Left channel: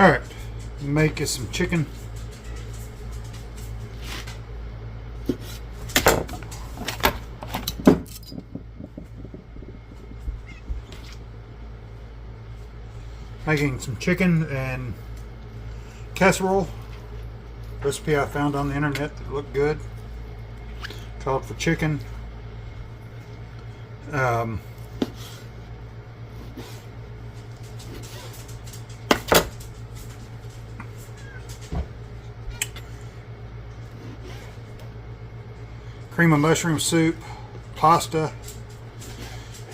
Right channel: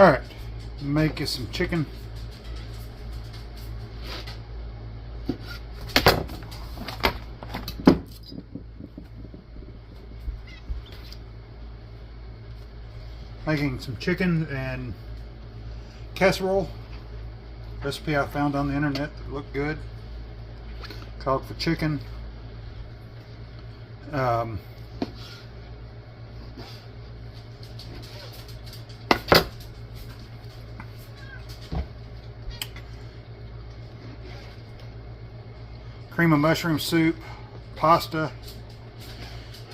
Alright, make us some chicken. Making some chicken and casserole. Recipe I found on the internet that looked good. Called for chicken. Cream of mushroom soup, pasta,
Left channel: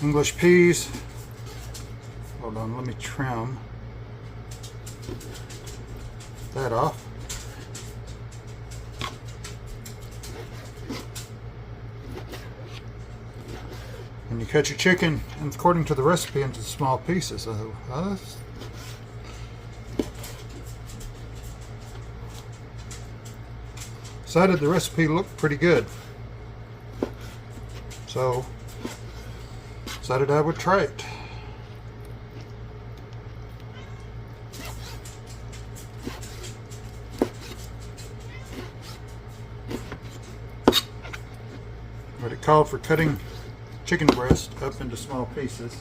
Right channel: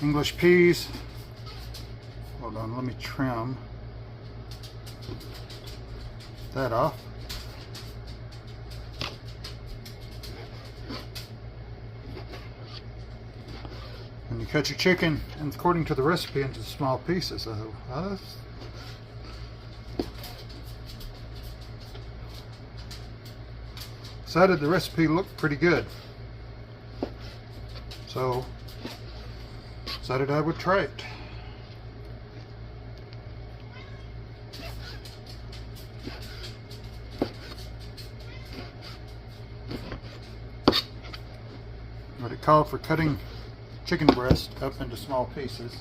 English peas. Hold on, let me trim that off. And you cut your chicken, and according to the recipe, into small pieces. Decided the recipe looked pretty good, so decided I would try it. But it called for cutting chicken breast up into small pieces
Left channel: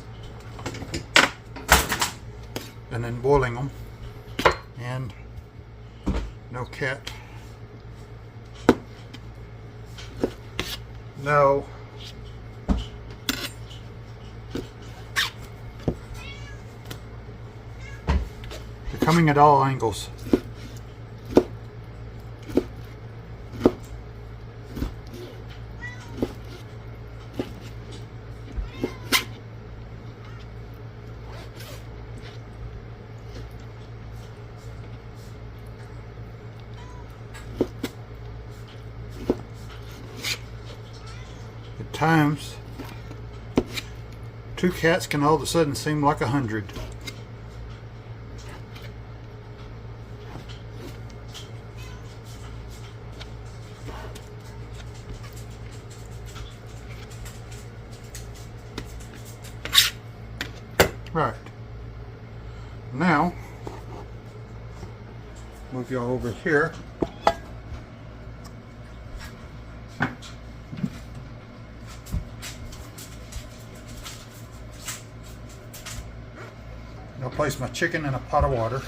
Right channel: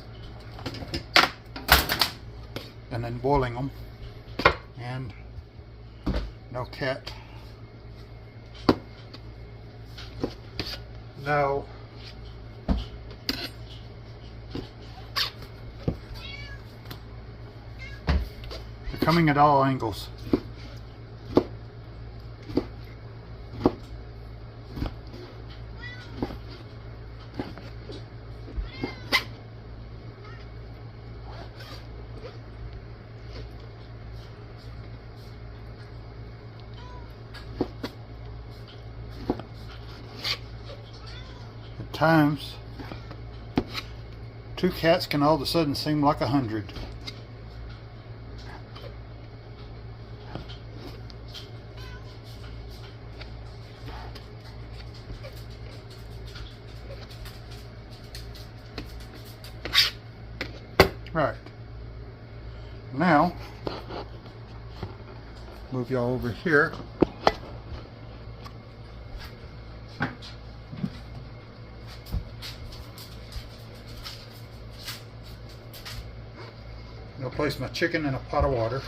and then boiling them, and no cat. No. They're coming at all angles. At times, 2 cats can all of a sudden seem like 100. Right. Now, move y'all over here. I'll place my chicken in a pot of water.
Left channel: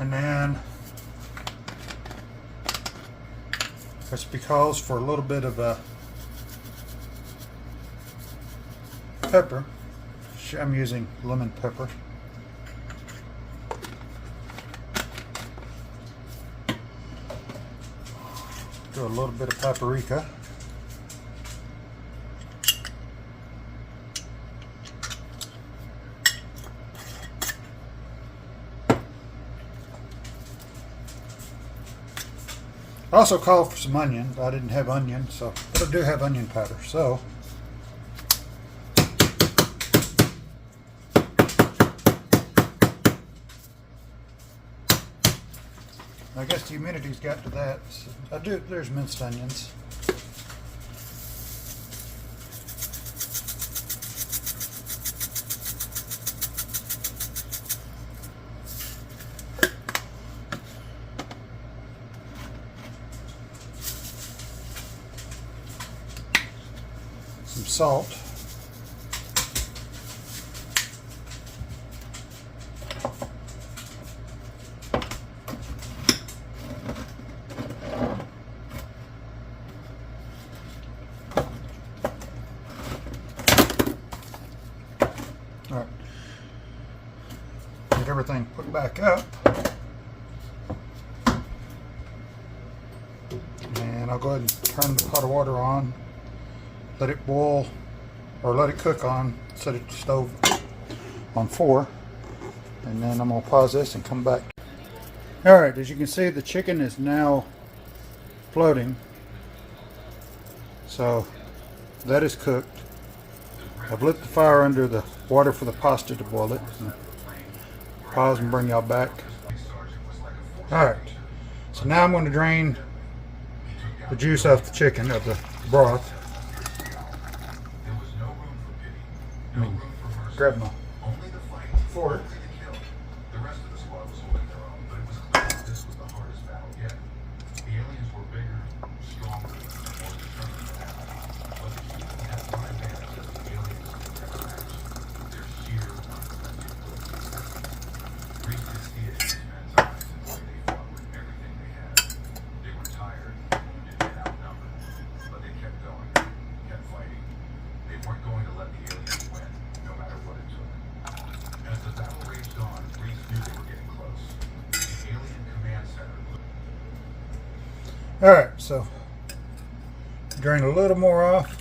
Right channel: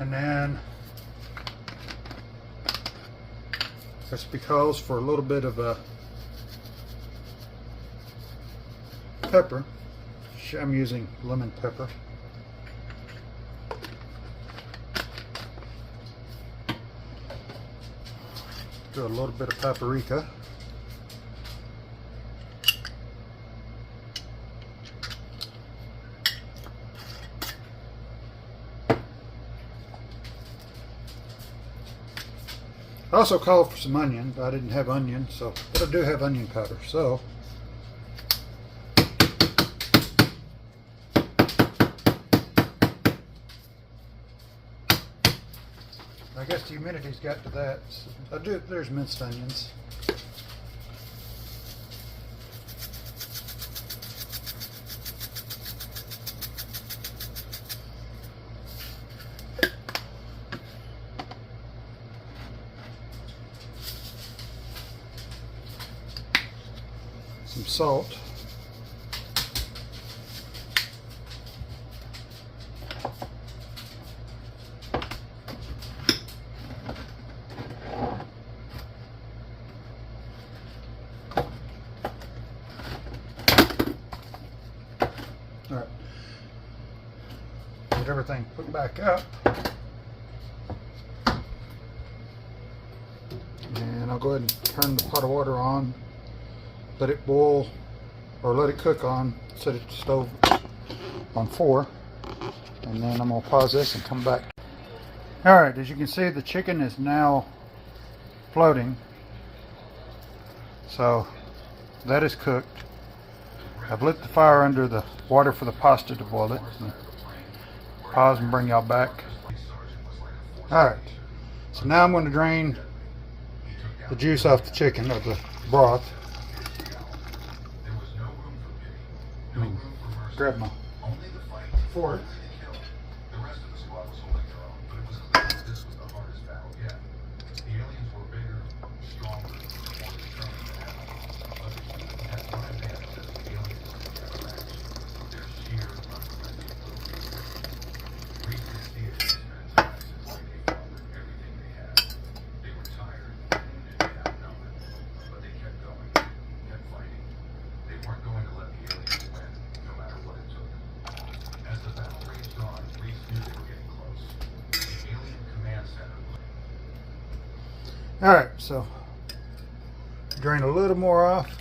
And then recipe calls for a little bit of pepper. I'm using lemon pepper. Do a little bit of paprika. I also called for some onion, but I didn't have onion, but I do have onion powder, so I guess the humidity's got to that. So there's minced onions. Some salt. All right. Get everything put back up. And I'll go ahead and turn the pot of water on. Let it boil, or let it cook on, set it to stove on 4, and then I'm going to pause this and come back. Alright, as you can see, the chicken is now floating, so that is cooked. I've lit the fire under the water for the pasta to boil it. Pause and bring y'all back. Alright, so now I'm going to drain the juice off the chicken, of the broth. Grab my fork. Alright, so drain a little more off.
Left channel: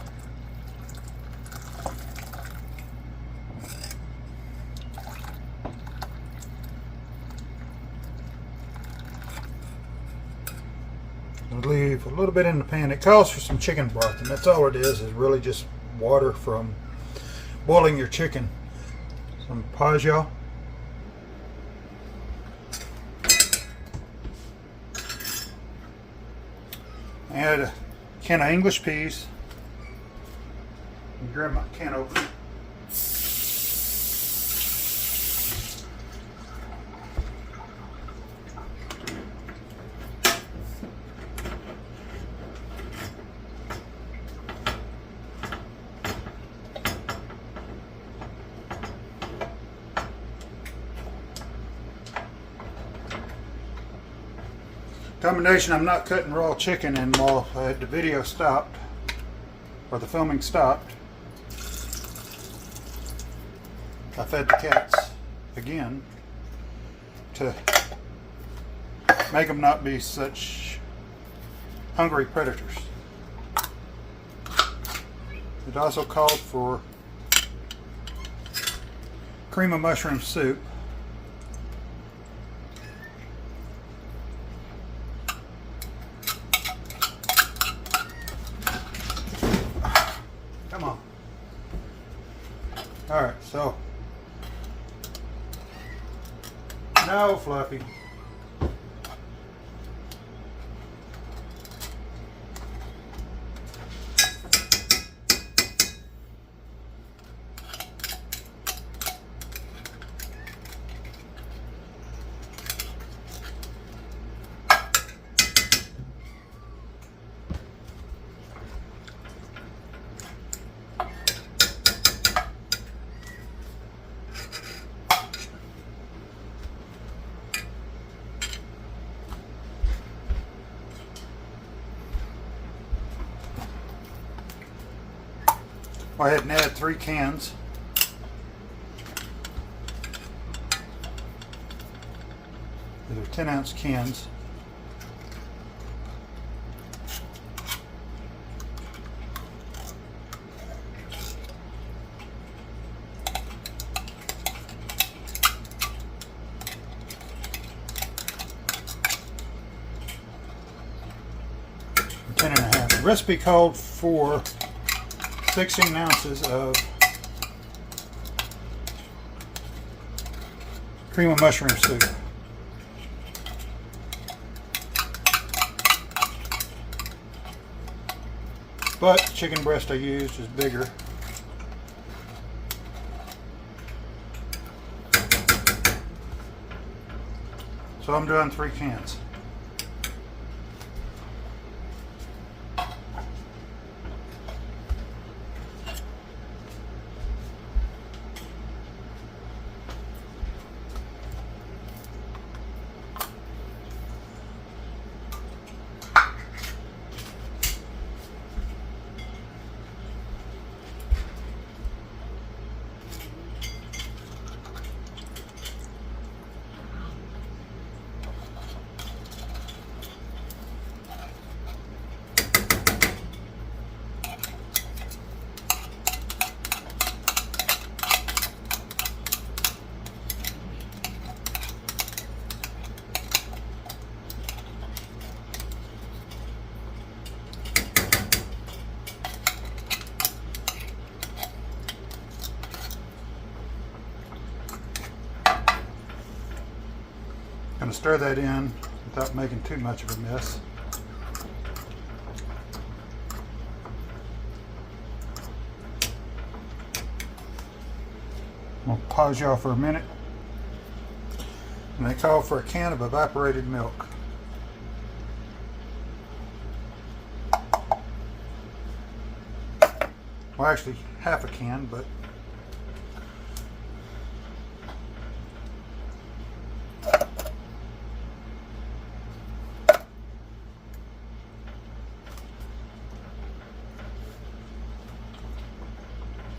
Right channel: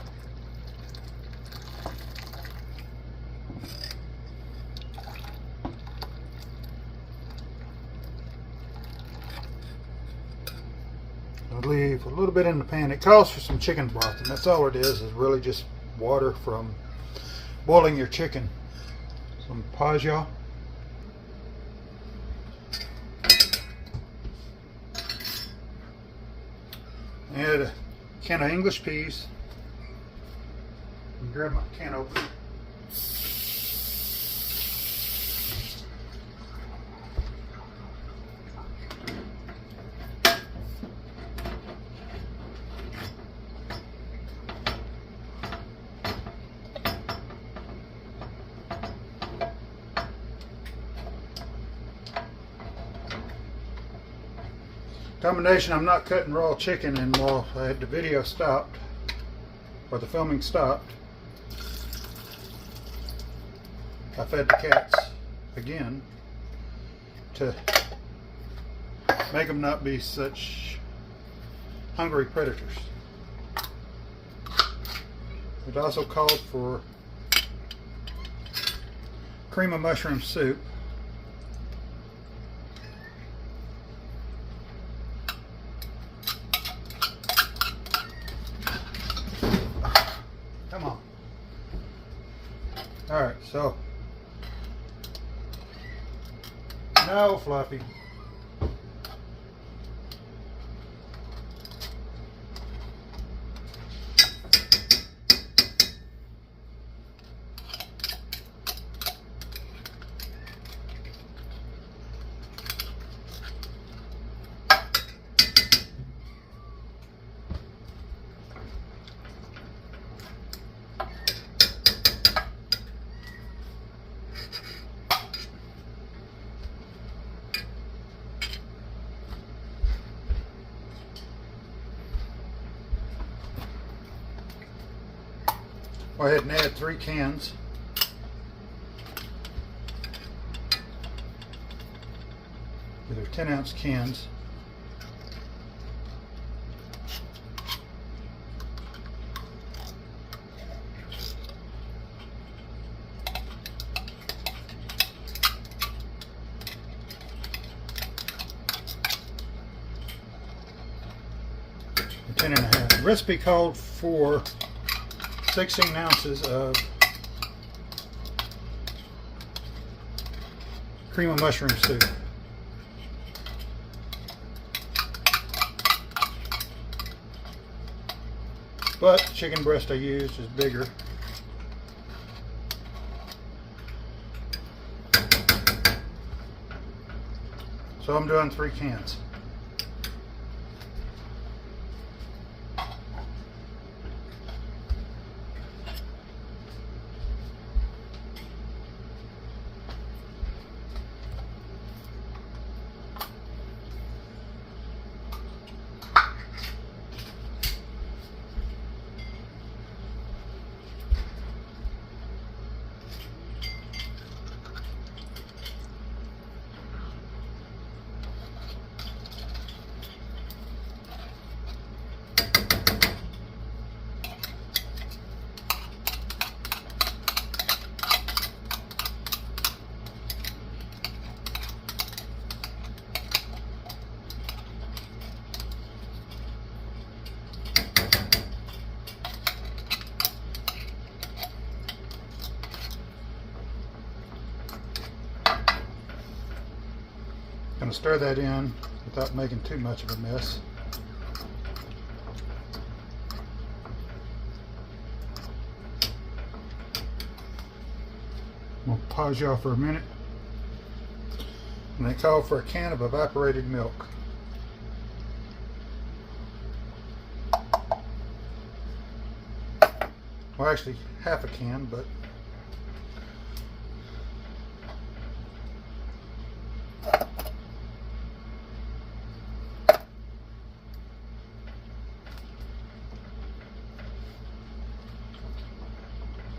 I'll leave a little bit in the pan. It calls for some chicken broth, and that's all it is really just water from boiling your chicken. So I'm gonna pause y'all. Add a can of English peas. Grab my can opener. Combination, I'm not cutting raw chicken anymore. I had the video stopped, or the filming stopped. I fed the cats again to make them not be such hungry predators. It also called for cream of mushroom soup. Come on. All right, so no, Fluffy. Go ahead and add 3 cans. They're 10-ounce cans. Ten and a half. The recipe called for 16 ounces of cream of mushroom soup. But the chicken breast I used is bigger. So I'm doing 3 cans. going to stir that in without making too much of a mess. I'm going to pause y'all for a minute. And they call for a can of evaporated milk. Well, actually half a can, but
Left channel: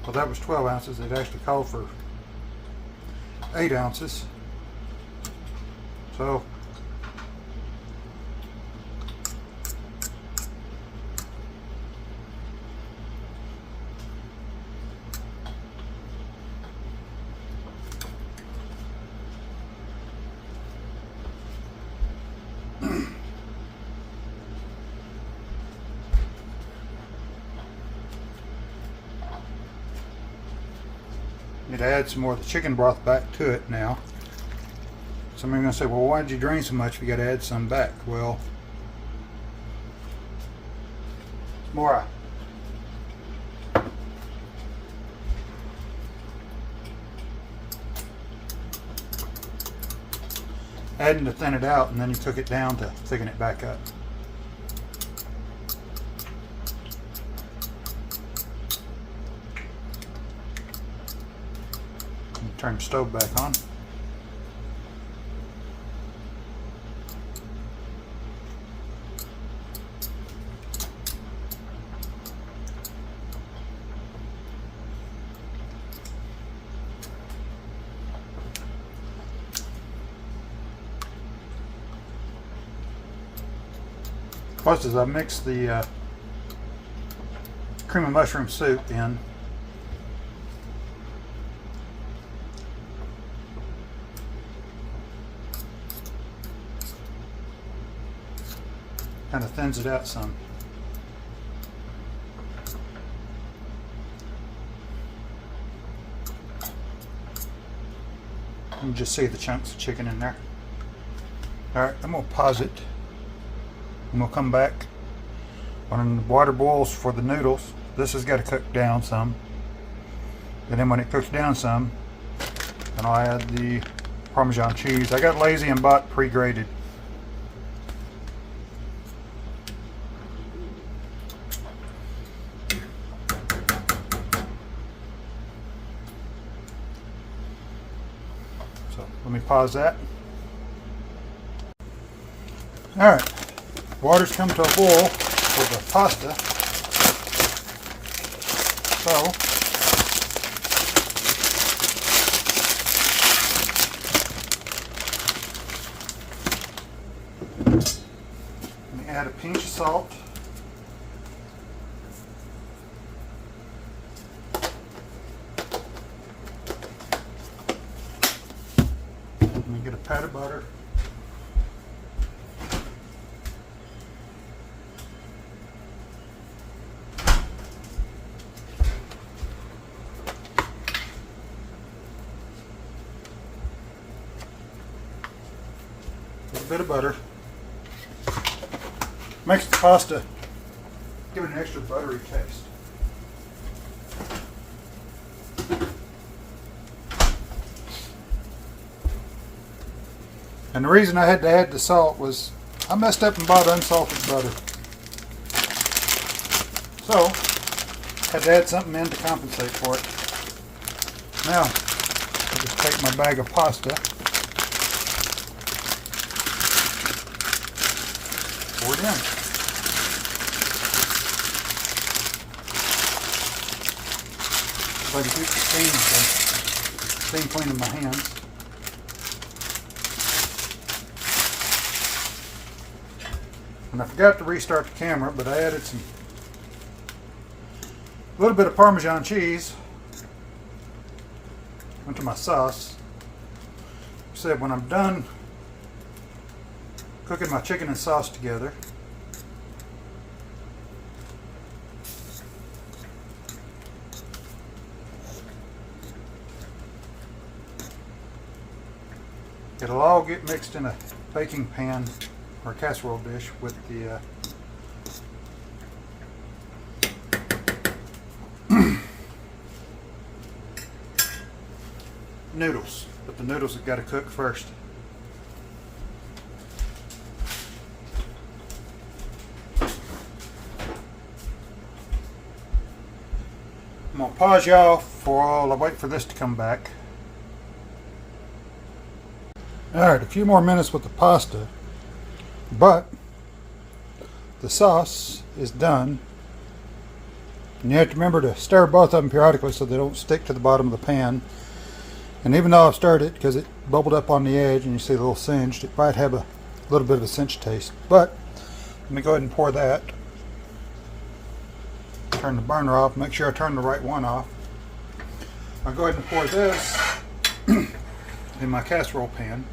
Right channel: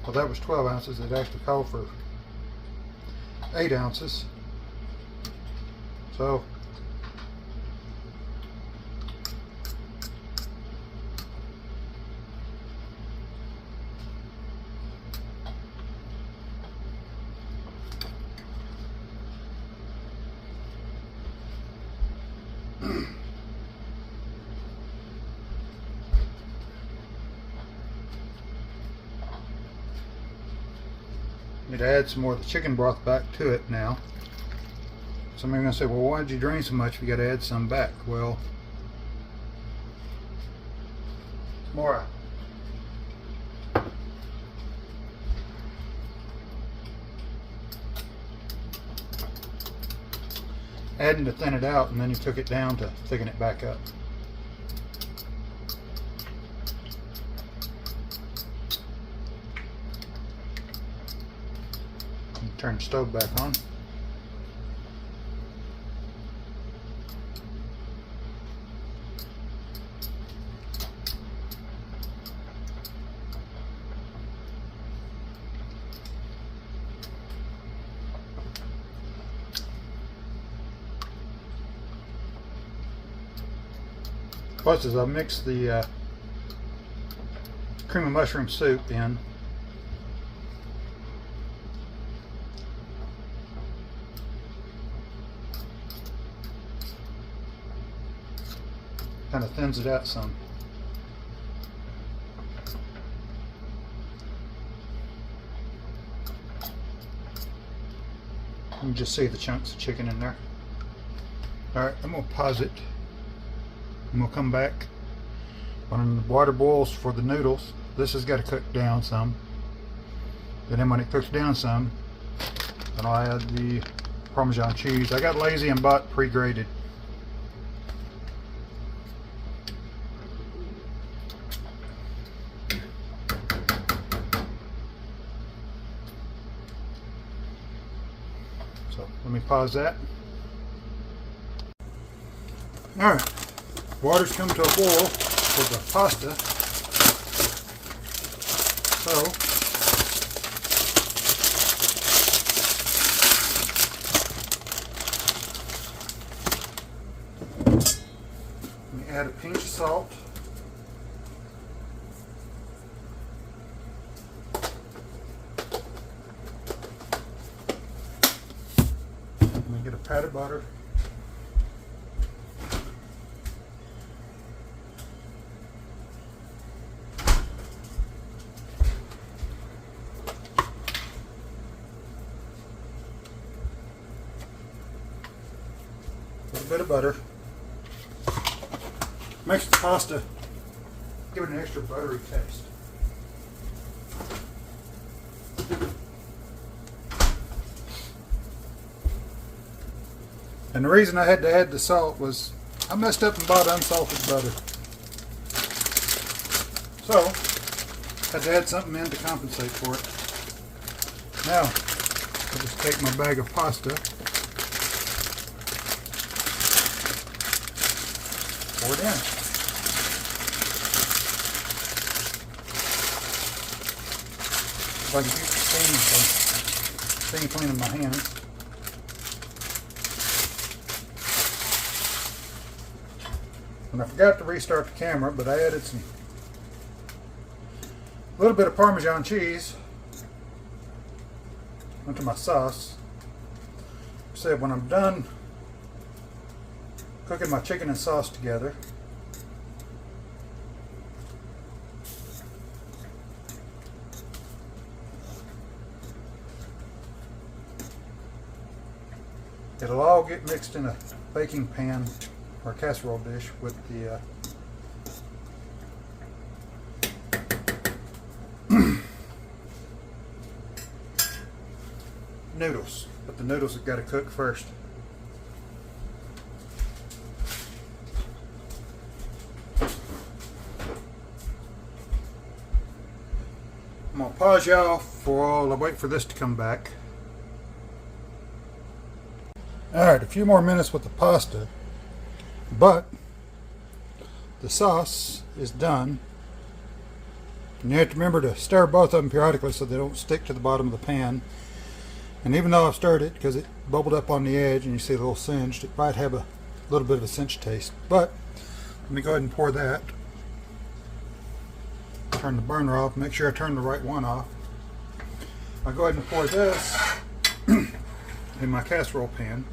well, that was 12 ounces. It actually called for 8 ounces. So need to add some more of the chicken broth back to it now. Somebody's going to say, well, why did you drain so much if you got to add some back? Well, more adding to thin it out, and then you took it down to thicken it back up. And turn the stove back on. Plus, as I mix the cream of mushroom soup in, kind of thins it out some. You can just see the chunks of chicken in there. Alright, I'm going to pause it. And we'll come back when the water boils for the noodles. This has got to cook down some. And then when it cooks down some, then I'll add the Parmesan cheese. I got lazy and bought pre-grated. So let me pause that. Alright. Water's come to a boil for the pasta. So let me add a pinch of salt. Let me get a pat of butter. Bit of butter. Makes the pasta give it an extra buttery taste. And the reason I had to add the salt was I messed up and bought unsalted butter. So had to add something in to compensate for it. Now I just take my bag of pasta. Pour it in. If I can keep the steam clean in my hands. And I forgot to restart the camera, but I added a little bit of Parmesan cheese into my sauce. Said when I'm done cooking my chicken and sauce together, It'll all get mixed in a baking pan or casserole dish with the noodles, but the noodles have got to cook first. I'm going to pause y'all while I wait for this to come back. Alright, a few more minutes with the pasta, but the sauce is done. And you have to remember to stir both of them periodically so they don't stick to the bottom of the pan. And even though I've stirred it, because it bubbled up on the edge and you see a little singed, it might have a little bit of a cinch taste. But let me go ahead and pour that. Turn the burner off, make sure I turn the right one off. I'll go ahead and pour this in my casserole pan.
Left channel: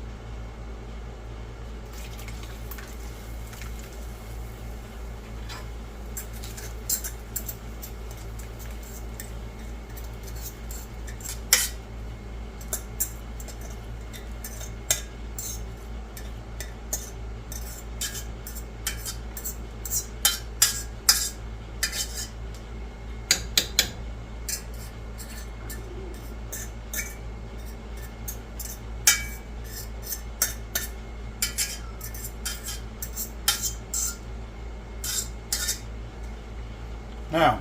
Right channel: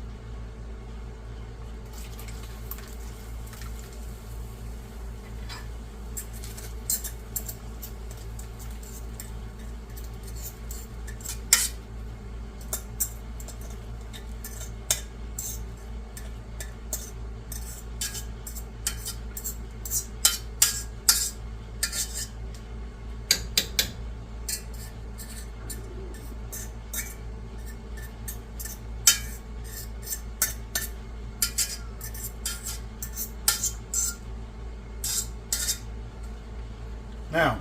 Now,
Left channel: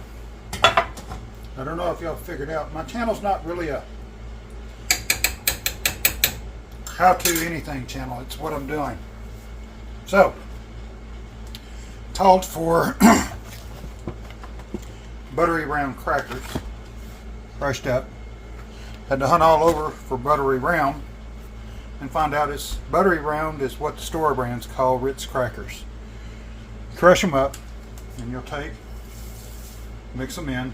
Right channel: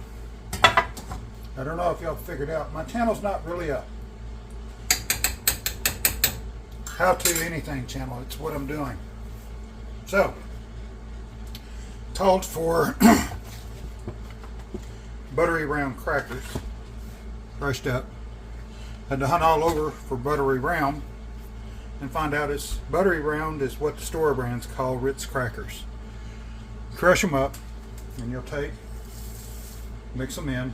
I don't know if y'all figured out, my channel's not really a how-to anything channel, it's what I'm doing. So, called for buttery round crackers, crushed up. Had to hunt all over for buttery round and find out it's buttery round is what the store brands call Ritz crackers. Crush them up and you'll take, mix them in.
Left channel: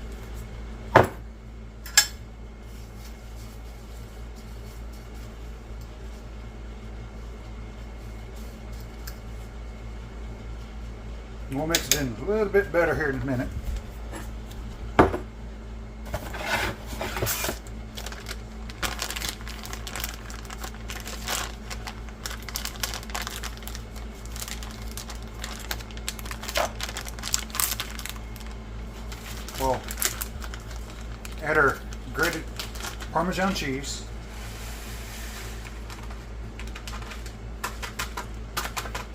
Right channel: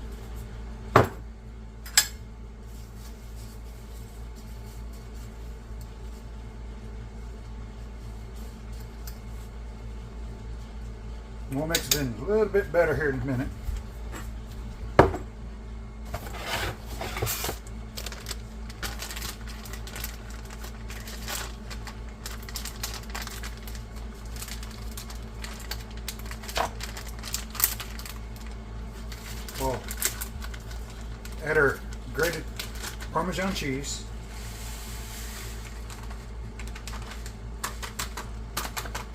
We'll mix it in a little bit better here in a minute. We'll add our grated Parmesan cheese.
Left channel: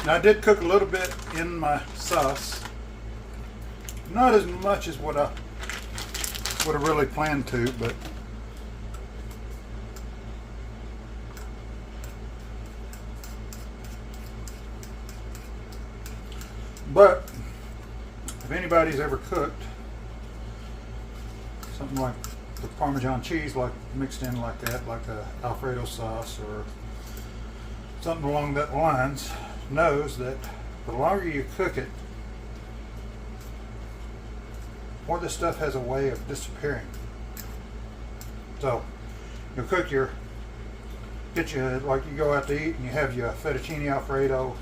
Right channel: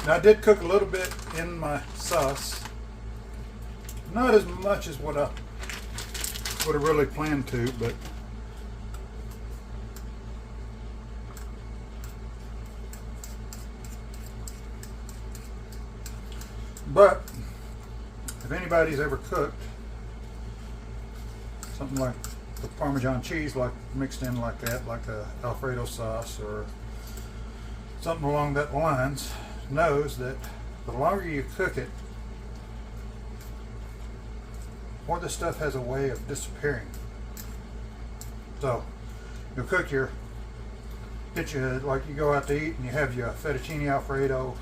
Now I did cook a little bit in my sauce. Not as much as what I would have really planned to, but if anybody's ever cooked something like the Parmesan cheese, like mixed in like that, like a Alfredo sauce or something along that lines, knows that the longer you cook it, more this stuff has a way of disappearing. So you'll cook your, get you, like you go out to eat and you have your fettuccine Alfredo,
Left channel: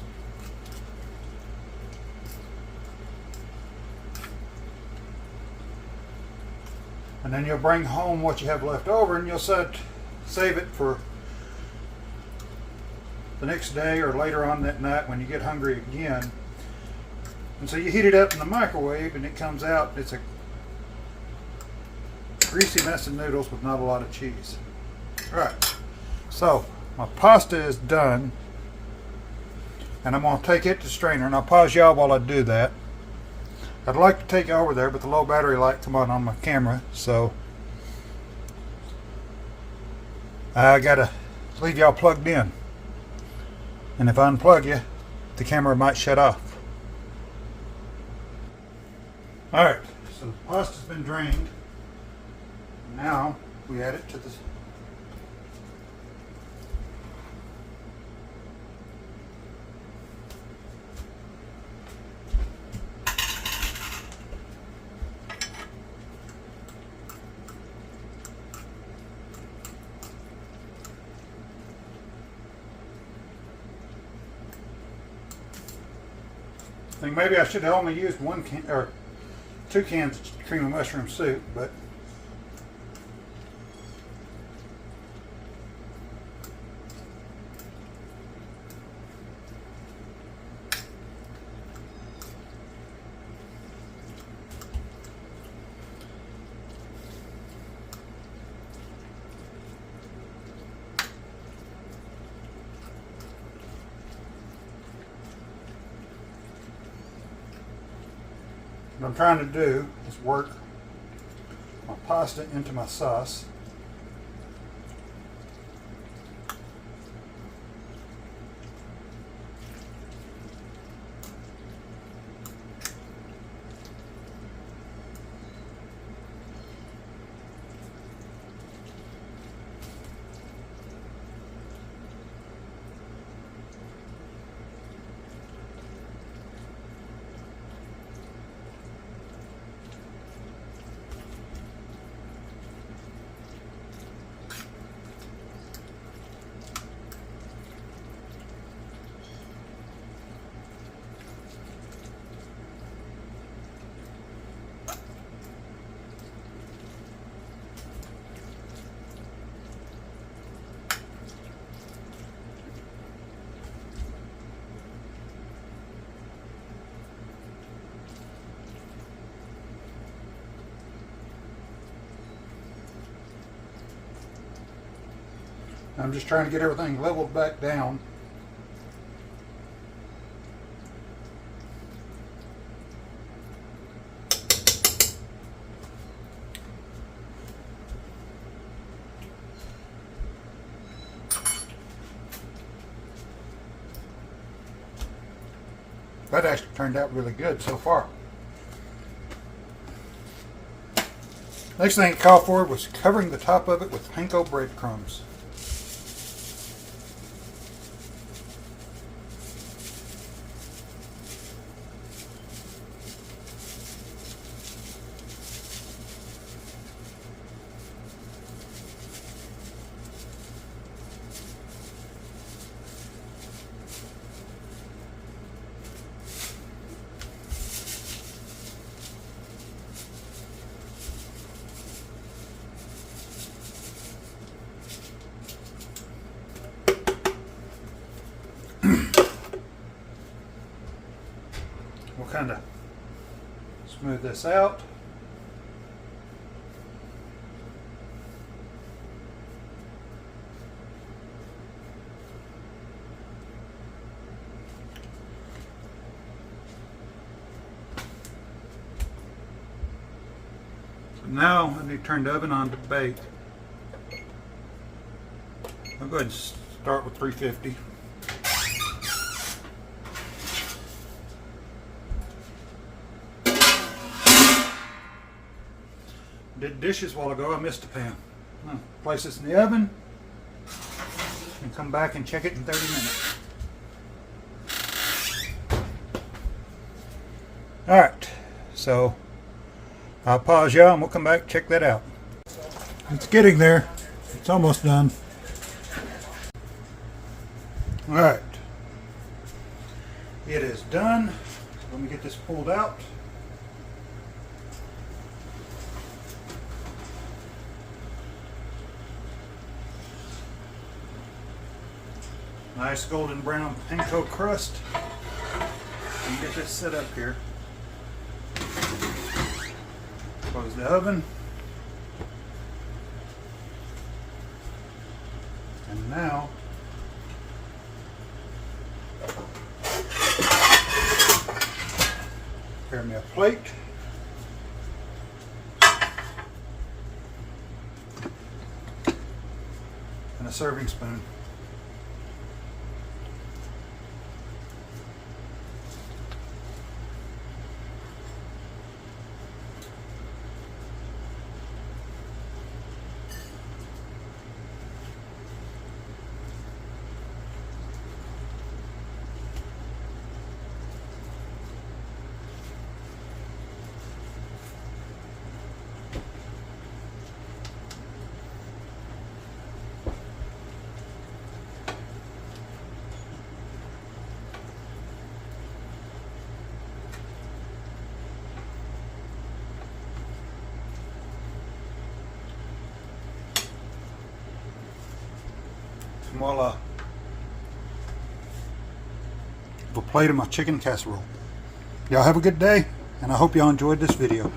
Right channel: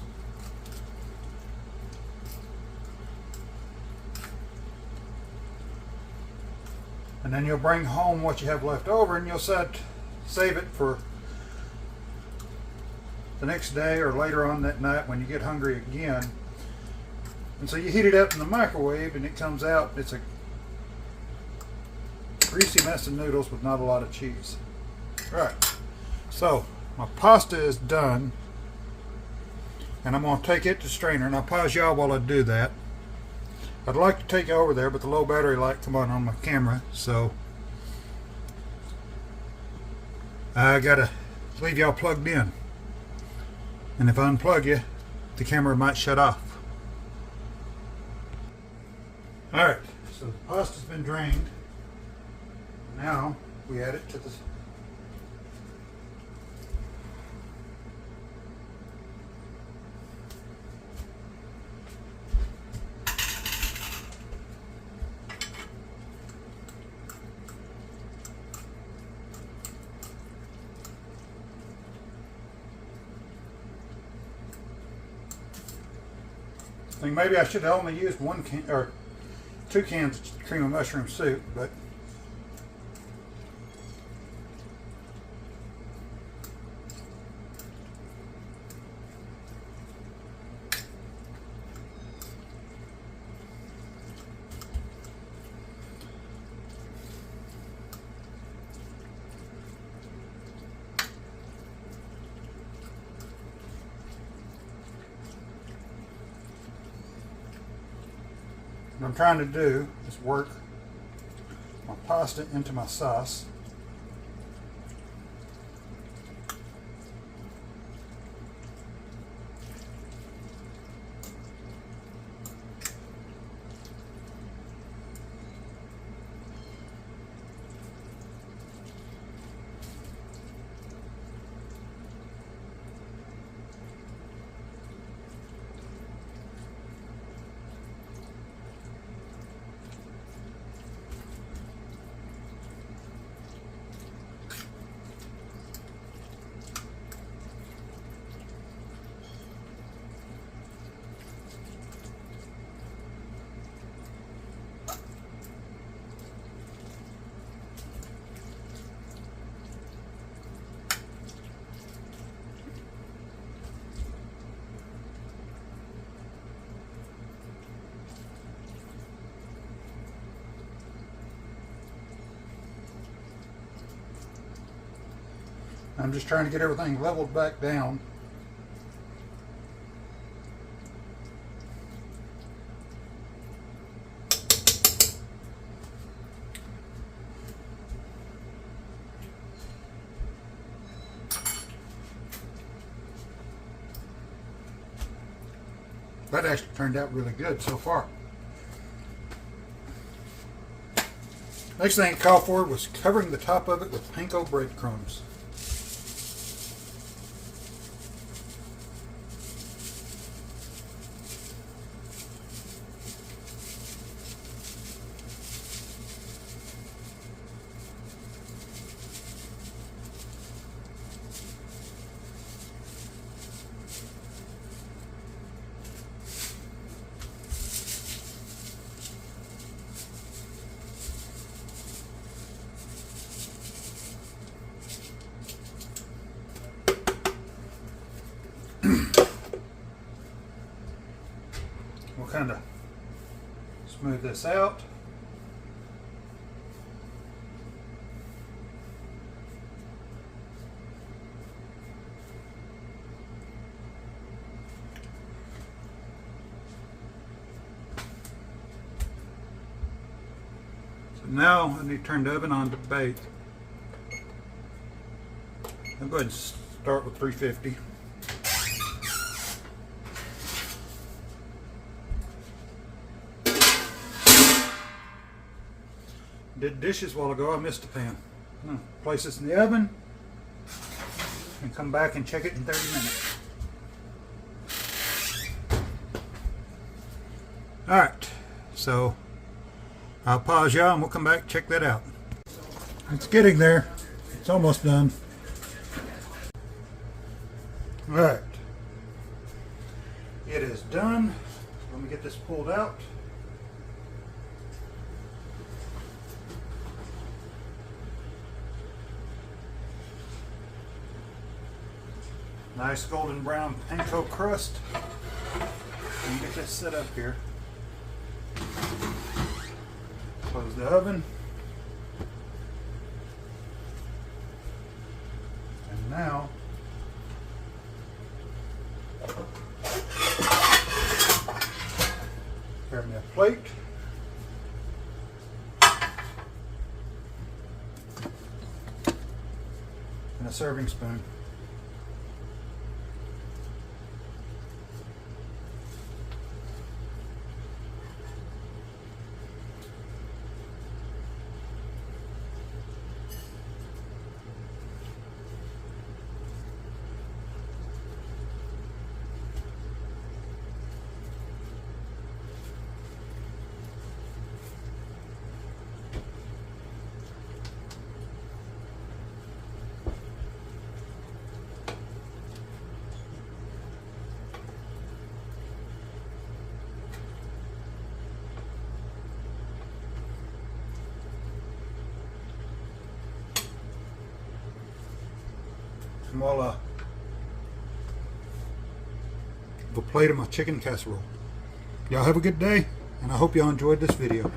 and then you'll bring home what you have left over and you'll save it for the next day or later on that night when you get hungry again. And so you heat it up in the microwave and it comes out, it's a greasy mess of noodles with not a lot of cheese. Alright, so my pasta is done and I'm going to take it to strainer, and I'll pause y'all while I do that. I'd like to take it over there, but the low battery light come on my camera, so I gotta leave y'all plugged in. And if I unplug you, the camera might shut off. Alright, so the pasta's been drained. Now we add it to the I think maybe I should have only used 1 can or 2 cans of cream of mushroom soup, but What I'm trying to do is work my pasta into my sauce. I'm just trying to get everything leveled back down. That actually turned out really good so far. Next thing it called for was covering the top of it with panko breadcrumbs. We'll kind of smooth this out. So now I need to turn the oven on to bake. I'll go ahead and start with 350. Did dishes a while ago, I missed a pan. Place this in the oven and come back and check it in 30 minutes. Alright, so I'll pause y'all and we'll come back and check that out. It's getting there. It's almost done. Alright. It is done. Let me get this pulled out. Nice golden brown panko crust. And get this set up here. Close the oven. And now prepare me a plate. And a serving spoon. Voila. A plate of my chicken casserole. Y'all have a good day, and I hope y'all enjoyed this video.